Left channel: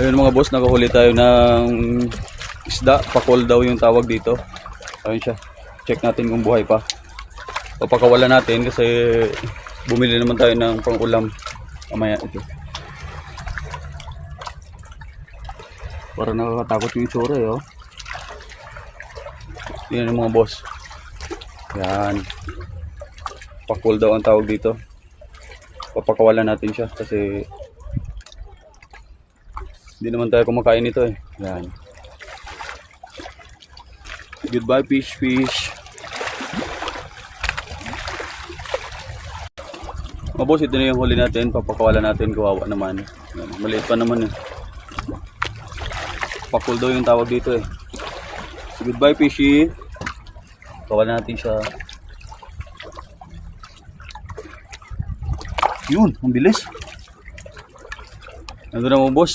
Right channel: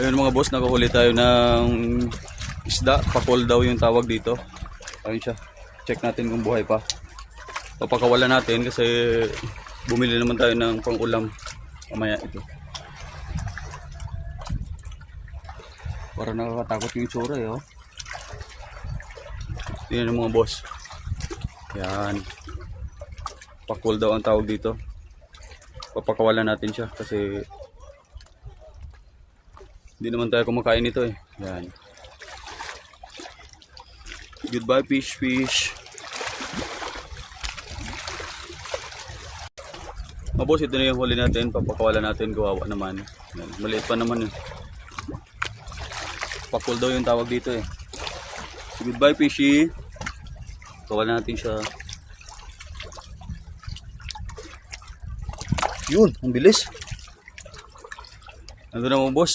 Ayun mga boss, nakahuli tayo ng isda. Pakol daw yung tawag dito. Ayun siya. Check natin kung buhay pa. Papakawalan natin kasi bumili naman tayo ng pang-ulam. Mamaya ito. Parang nakakatakot yung itsura eh, oh. Yan yung mga boss. Yan. Pakol daw ang tawag dito. Papakawalan natin siya kasi hindi naman tayo kumakain nito eh. Yan. Goodbye fish. Mabos, ito na yung huli natin. Papakawalan natin. Kawawa naman. Yan. Maliit pa naman eh. Pakul daw yung tawag dito eh. So, goodbye fishy. Pakawalan natin siya. Yun, ang bilis. Nandun na mo boss.